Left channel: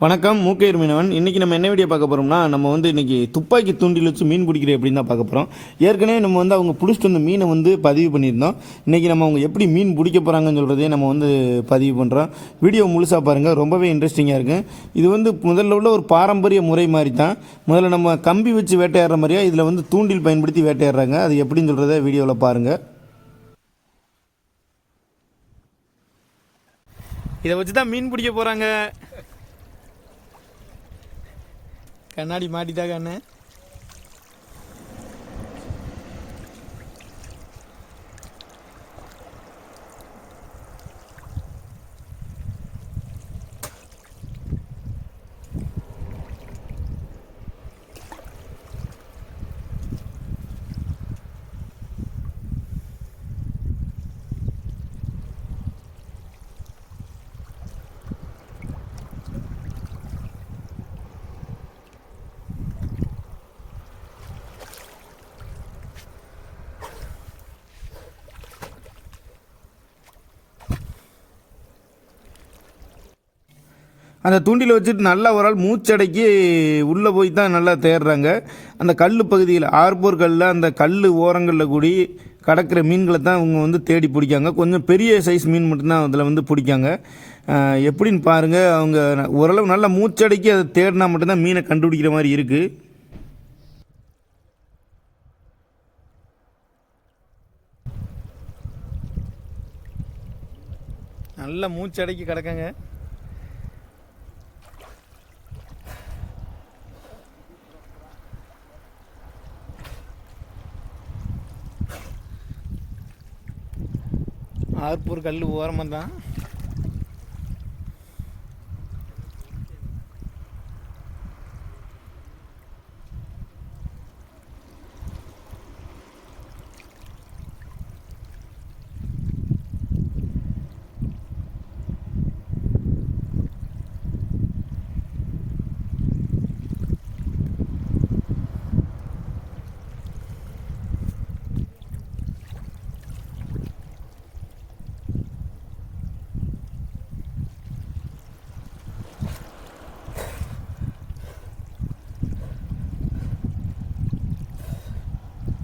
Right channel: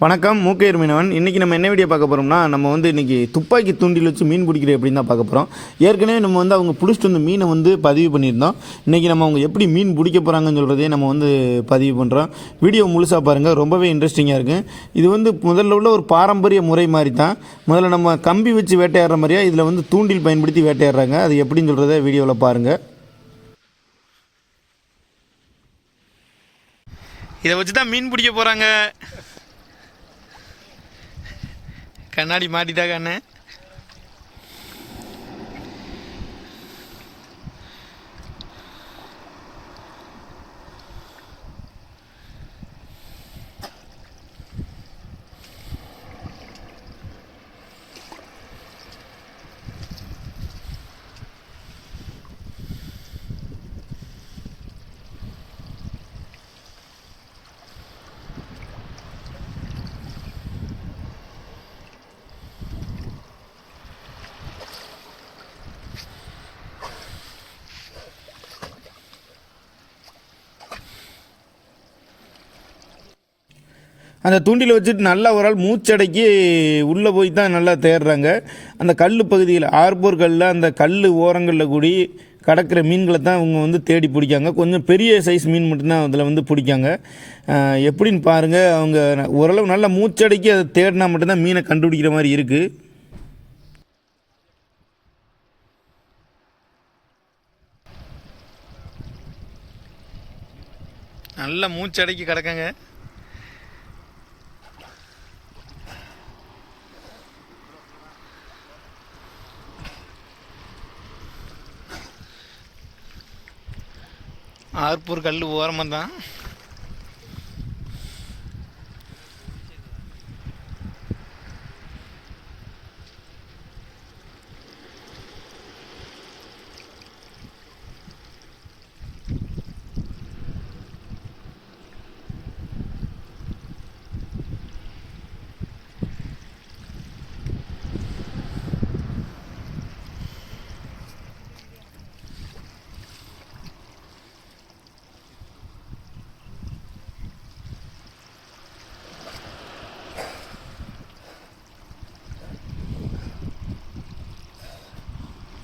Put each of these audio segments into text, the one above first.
வணக்கம் மூக்கையர் மீனவன் இன்றைக்கி நம்ம என்ன வீடியோ பார்க்க போகிறோம்னா நம்ம வந்து இன்றைக்கி துப்பாக்கி தூண்டில் வச்சு மீன் பிடிக்கிற எப்படின்னு தான் பார்க்க போகிறோம் ஏற்கனவே நம்ம வந்து அவங்க பிடிச்சிட்டு வந்த மீனை வந்து பதிவு பண்ணியிருந்தோம். இன்றைக்கி நம்ம அவங்க எப்படி மீன் பிடிக்க போகிறாங்கன்னு சொல்கிறதே நம்ம வந்து பதிவு பண்ணுறோம் வீடியோ முழுசாக பாருங்கள் ரொம்பவே இன்ட்ரெஸ்டிங்காக இருக்குது இது வந்து முதல்ல உள்ள ஒரு பாரம்பரிய முறை மாதிரி தான் முதல்ல நம்ம கம்பி வச்சு வேட்டையாடுற மாதிரியா இதில் வந்து தூண்டில் பயன்படுத்தி வேட்டையாடுறாங்க. அது எப்படின்னு சொல்கிறத வீடியோவில் பாருங்கள் இதை வச்சு தான் மீன் பிடிக்க போகிறாங்க கண்ணாடி மாட்டிட்டா கண்ணு அந்த தூண்டில் வச்சுட்டு நல்லா ஒரு ஆள் மூச்சடைக்கி உள்ளே போய் தான் நல்லா தேடுறாங்க அந்த கல் பகுதியில் ஆர்போர் கல்லில் அந்த கல் ஓரங்களில் கூடி கடக்கிற மீன்களை தான் இவங்க வந்து தேடி பிடிக்காங்க. கொஞ்சம் பெரிய சைஸ் மீன் மட்டும்தான் அதில் வந்து பிடிக்காங்க. எப்படின்னு பாருங்கள் அவங்க ஓரளவு நல்லா மூச்சடைக்கி அதை தேடினா மட்டும்தான் மீனை கண்டுபிடிக்கிற மாதிரி இருக்குது நல்லா மூச்சடைக்கி கிடக்கங்க. ஆர்ப்பூர் கல் ஓரமாக தான்.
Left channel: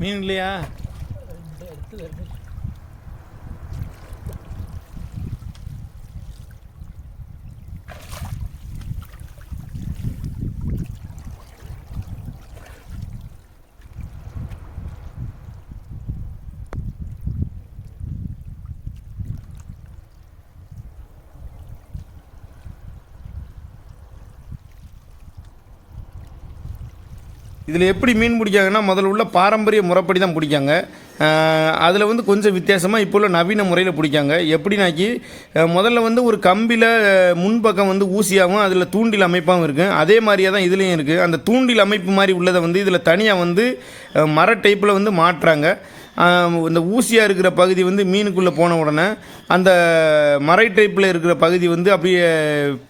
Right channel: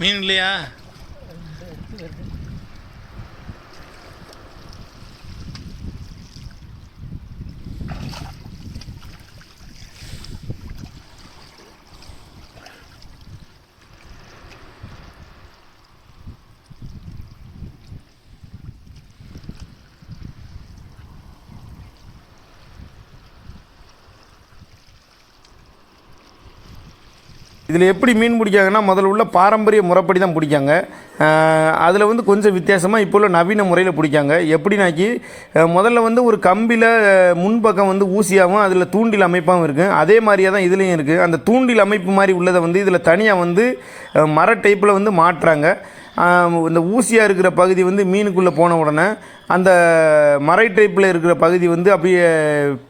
மீன் இல்லையா? இதில் எப்படி மீன் பிடிக்காங்கன்னா முதல்ல உள்ள பாரம்பரிய முறைப்படி தான் பிடிக்காங்க அதில் வந்து கொஞ்சம் வித்தியாசமாக இப்போ உள்ள நவீன முறையில் பிடிக்காங்க எப்படின்னாக்கி முதல்ல வந்து ஒரு கம்பியில் முன்பக்கம் வந்து ஊசியாகவும் அதில் தூண்டில் அமைப்பாகவும் இருக்குது அதே மாதிரியே தான் இதுலேயும் இருக்குது. அந்த தூண்டில் அமைப்பு மாதிரி உள்ளதை வந்து இதில் தனியாக வந்து மர டைப்பில் வந்து மாட்டுறாங்க. இந்த ஊசியாக இருக்கிற பகுதி வந்து மீனுக்குள்ளே போன உடனே அந்த மறை டைப்பில் இருக்கிற பகுதி வந்து அப்படியே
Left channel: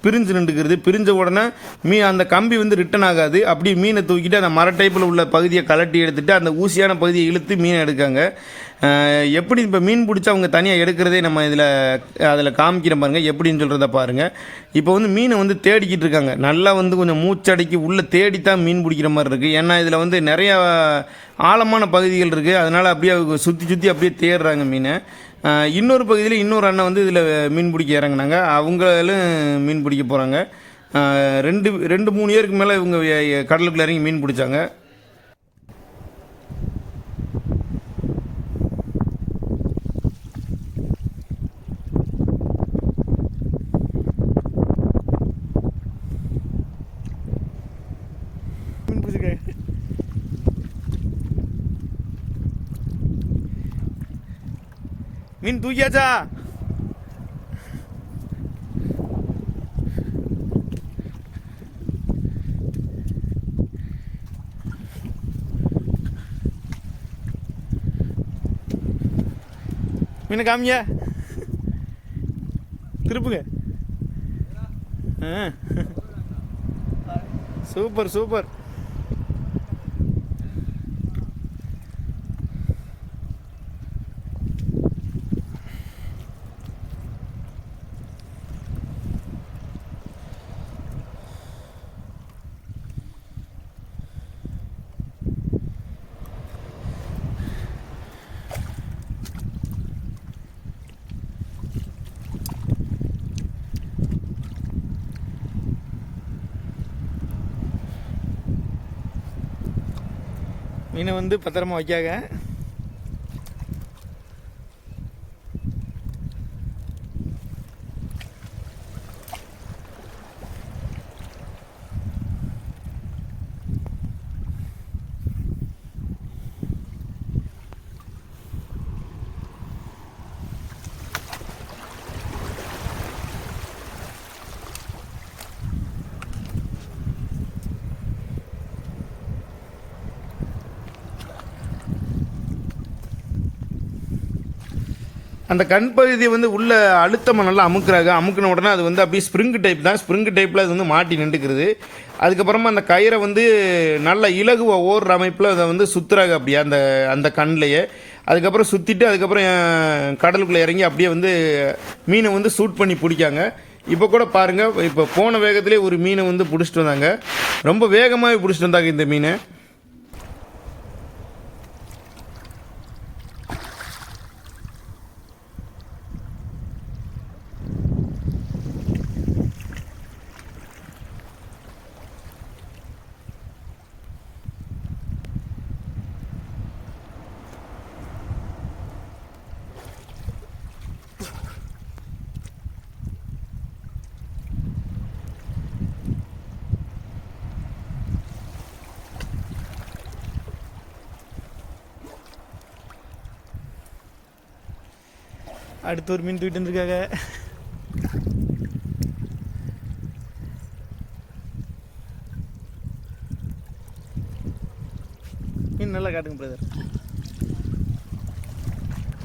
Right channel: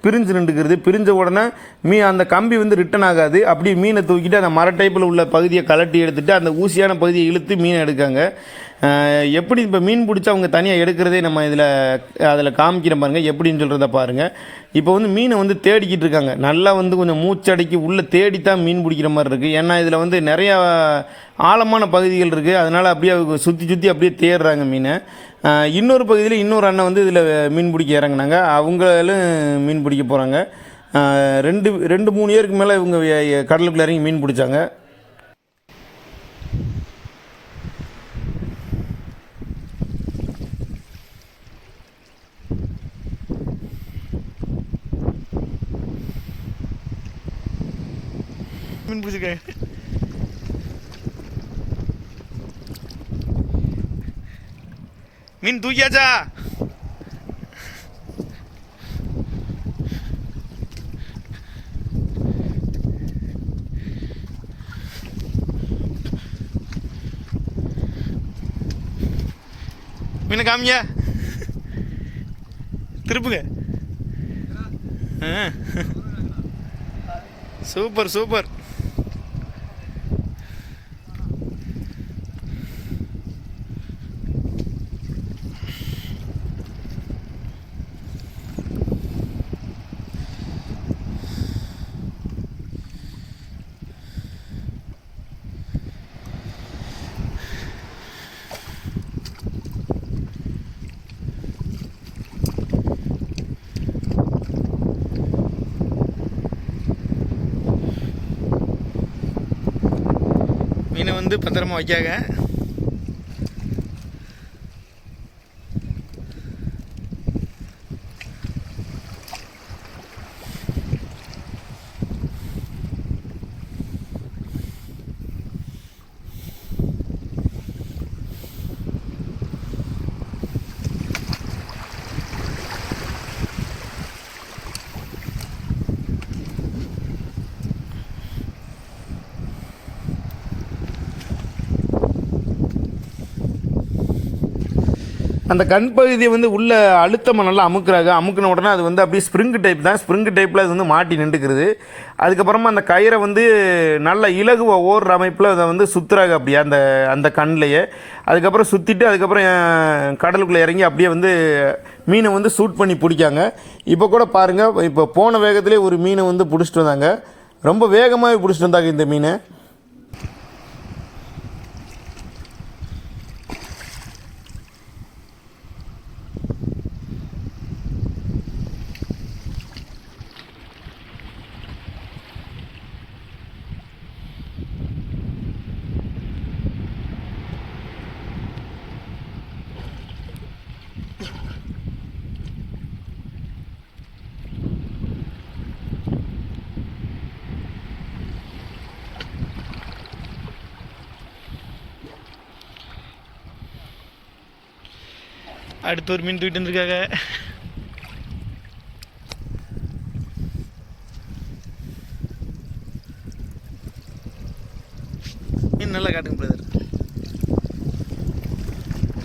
பிரிஞ்சு நின்றுக்கிறது பிரிஞ்ச உடனே மீ அந்த கம்பி வந்து ரிட்டன் ஆகாது. அப்படியே மீனை தூக்கிட்டு அந்த மர டைப்பில் உள்ள பகுதியை கலட்டி எடுத்துகிட்டு அந்த ஊசியான பகுதியை இழுத்து மீனை எடுக்காங்க. எப்படி இப்போ மீன் பிடிச்சி அவங்க தனியாக எடுக்கிறதே நம்ம இதில் அதில் காமிக்கிற பாருங்கள் எப்படின்னு சொல்கிறத பாருங்கள் இப்போ வந்து மீனை வந்து தேடிக்கிட்டு இருக்காங்க. நல்லா வந்து கொஞ்சம் மூச்சடைக்கி உள்ளே தேடித்தான் மீன் பிடிக்கிற மாதிரி இருக்குது ஏன்னா இதில் வந்து நிறையா ஆழமான பகுதிகள் இருக்குது அதனால் அப்படியே சுற்றி சுற்றி அப்படியே தேடுறாங்க மீனை. இன்னொரு பகுதியில் இன்னொரு அண்ணன் வந்து இதில் மீன் பிடிக்க இறங்குனாங்க. அவங்களும் மீன் பிடிக்க போகிறாங்க ரெண்டு ரெண்டு மூணு இயருக்கு மேலே இவங்க கடலுக்குள்ளே கடலுக்குள்ள இறங்கி மீன் பிடிச்சாங்க. மீன் பிடிச்சிருக்காங்க மீன் தூக்கியாச்சா மீனை காமிங்க திருப்புங்க ஆ. சூப்பர் சூப்பர் மீனை வந்து பத்திரமா வைக்காங்க அந்த கண் பகுதியை வந்து உள்ள அழுத்தமாக நல்லா அமுக்குறாங்க. அமுக்கின உடனே அது வந்து அப்படியே ஸ்ப்ரிங்கு டைப் தான். ஸ்ப்ரிங்கு டைப்பில் அது வந்து மாட்டி நின்றுக்கிறது. அதுக்கப்புறமா அந்த கயிறை வந்து நல்ல இலகுவ ஓடுற அமைப்பில் அதை வந்து சுற்றுறாங்க அப்படியே அந்த அந்த கண்ணிலேயே அதுக்கப்புறம் சுற்றிட்டு அதுக்கப்புறம் கடலுக்குள்ளே இறங்கி அப்படியே வந்து மீனை வந்து சூட் பண்ணி பிடிக்காங்க. இப்போ கூட பாருங்கள் இப்போ போன வேகத்திலே ஒரு மீனை வந்து பிடிச்சிட்டு வந்தாங்க. ரொம்ப வேகமாகவே பிடிச்சிட்டு வந்தாங்க இந்த மீனை. அடுத்து ஒரு மீன் தூக்கிட்டு வந்துருக்காங்க. மீன் நல்லா காட்டுங்க பிரதர்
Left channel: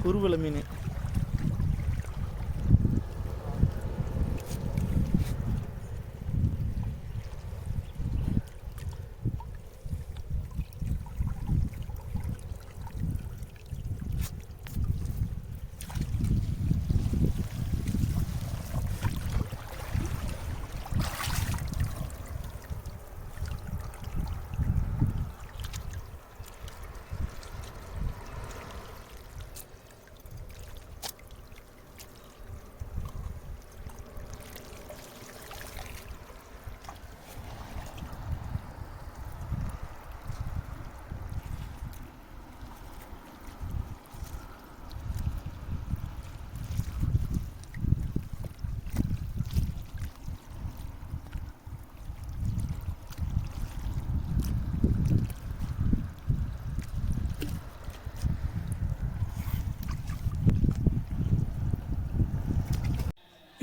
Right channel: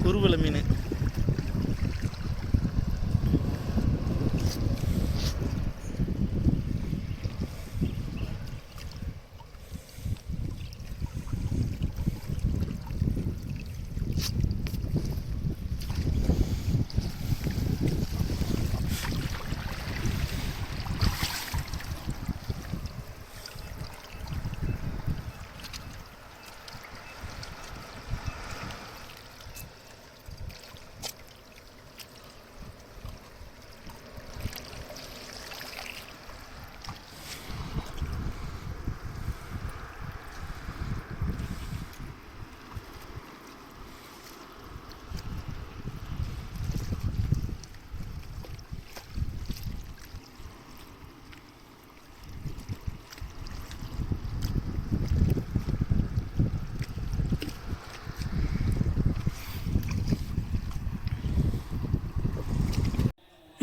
குருவலை மீன்.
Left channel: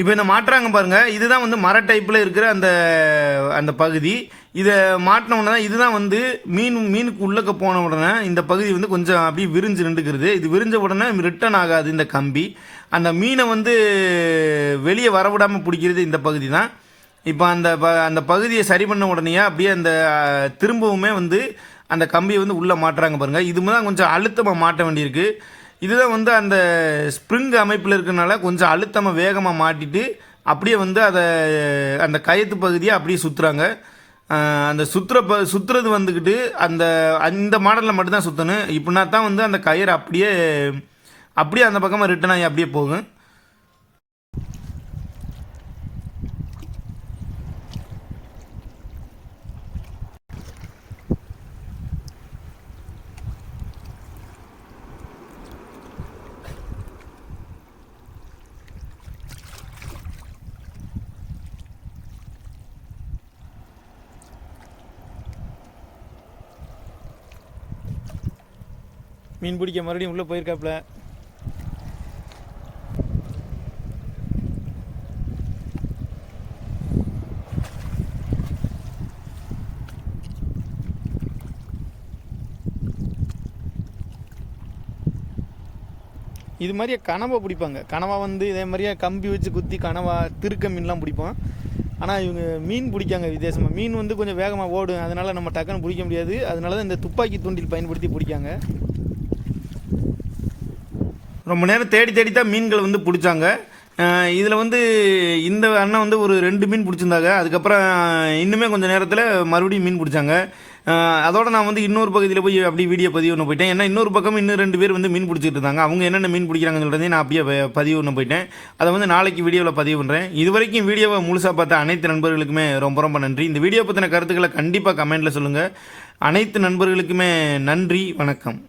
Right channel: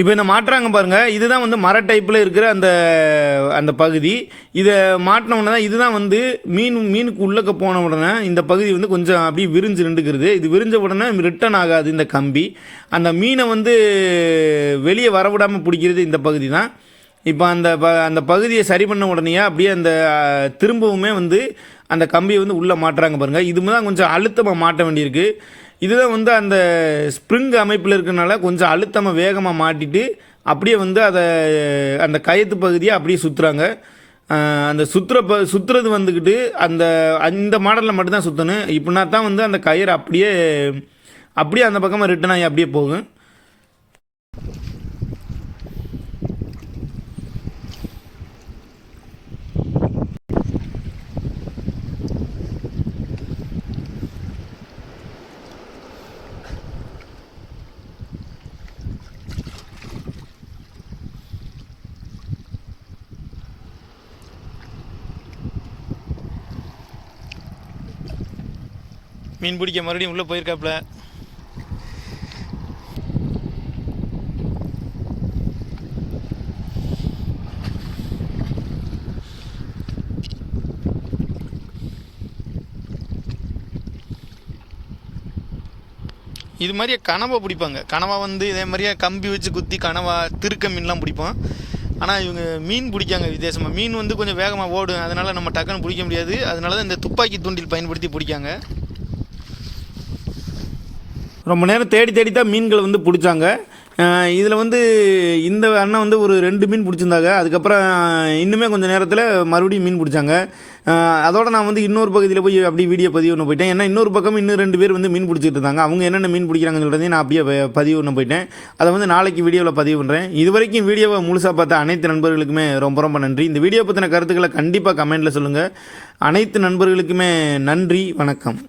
இப்போ இந்த மாட்டுறாங்க பாருங்கள் இதுதான் வந்து மர டைப்பில் இருக்கிற அந்த அந்த பகுதி. இதை மாட்டின உடனே இதுதான் வந்து மீன் மீனுக்கு உள்ளக்க போன உடனே இந்த பகுதி வந்து கொஞ்சம் அப்படியே விரிஞ்சு நின்றுக்கிறது. இது விரிஞ்ச உடனே ரிட்டர்ன் ஆகாது இந்த கம்பி. அந்த மீனை வந்து வெளியே வரவிடாமல் பிடிக்கிறது இந்த பகுதி தான். இப்போ அந்த ப அந்த பகுதியை சரி பண்ண உடனே அப்படியே அந்த திரும்பவுமே வந்து அந்த கம்பியை வந்து உள்ளே மாட்டுறாங்க பாருங்கள் இது தான் கொஞ்சம் அழுத்தமாக மாட்ட வேண்டியிருக்கு. இதுதான் வந்து அந்த ஸ்ப்ரிங் அமைப்பில் இருக்கனால கொஞ்சம் அழுத்தமாக வேகமாக மாட்டிட்டு அப்படியே வந்து அதை அந்த கயத்து பகுதியை அப்படியே சுற்றுறாங்க அந்த சுற்றுற ப சுற்றுறது வந்துக்கிட்டு அந்த அந்த மாடலில் மட்டும்தான் சுற்றணும் இப்படின்னா தான் வந்து அந்த கயிறு அப்படியே அப்படியே அந்த பக்கமாக ரிட்டன் ஆகி அப்படியே போகும். மீன் பிடிக்க மறுபடியும் உள்ளே போயிருக்காப்புல. இது மாதிரியே கனவா பிடிப்பாங்க. கனவா வந்து இதே மாதிரியே கம்பி வச்சு குத்தி கனவா திருக்க மீன்லாம் பிடிப்போம். ஆனால் இவங்க மீன் பிடிக்காங்க வித்தியாசமாக மீன் வந்து கொஞ்சம் வேகமாக ஓடும். அதனால் நம்ம டக்குன்னு பிடிக்க முடியாது. அதனால தான் இந்த துப்பாக்கி தூண்டில் பயன்படுத்தி பிடிக்காங்க. ரொம்ப நேரம் தேடி தேடி தான் மீன்களை வந்து பிடிச்சாங்க. இதில் வந்து இந்த அண்ணன் வந்து ஒரு ரெண்டு மீன் பிடிச்சிருந்தாங்க. அதுக்கப்புறம் இன்னுமே கொஞ்சம் நேரத்தில் மறுபடியும் மீன் பிடிச்சாங்க. அதோட நான் வந்து இன்னொரு பகுதியில் போய் அப்படி வீடியோ பதிவு ஒன்று போயிட்டேன். ஏன்னா இன்னொரு பக்கம் இன்னும் ரெண்டு பேர் வந்து மீன் பிடிச்சிட்டு இருந்தாங்க. அவங்க என்னென்ன மீன் பிடிக்கிறாங்கன்னு சொல்கிறதே நான் அப்படியே பதிவு ஒன்று போயிட்டேன். அதை வந்து நாளைக்கு வீடியோவில் பதிவு பண்ணுறேன் இது வரைக்கும் வீடியோவை முழுசாக பார்த்த அனைத்து நண்பர்களுக்குமே ரொம்ப ரொம்ப நன்றி. இந்த வீடியோ பற்றின கருத்துக்களை கண்டிப்பாக கமெண்ட்டில் சொல்லுங்கள் அனைத்து நண்பர்களுக்குமே நன்றி. வணக்கம்.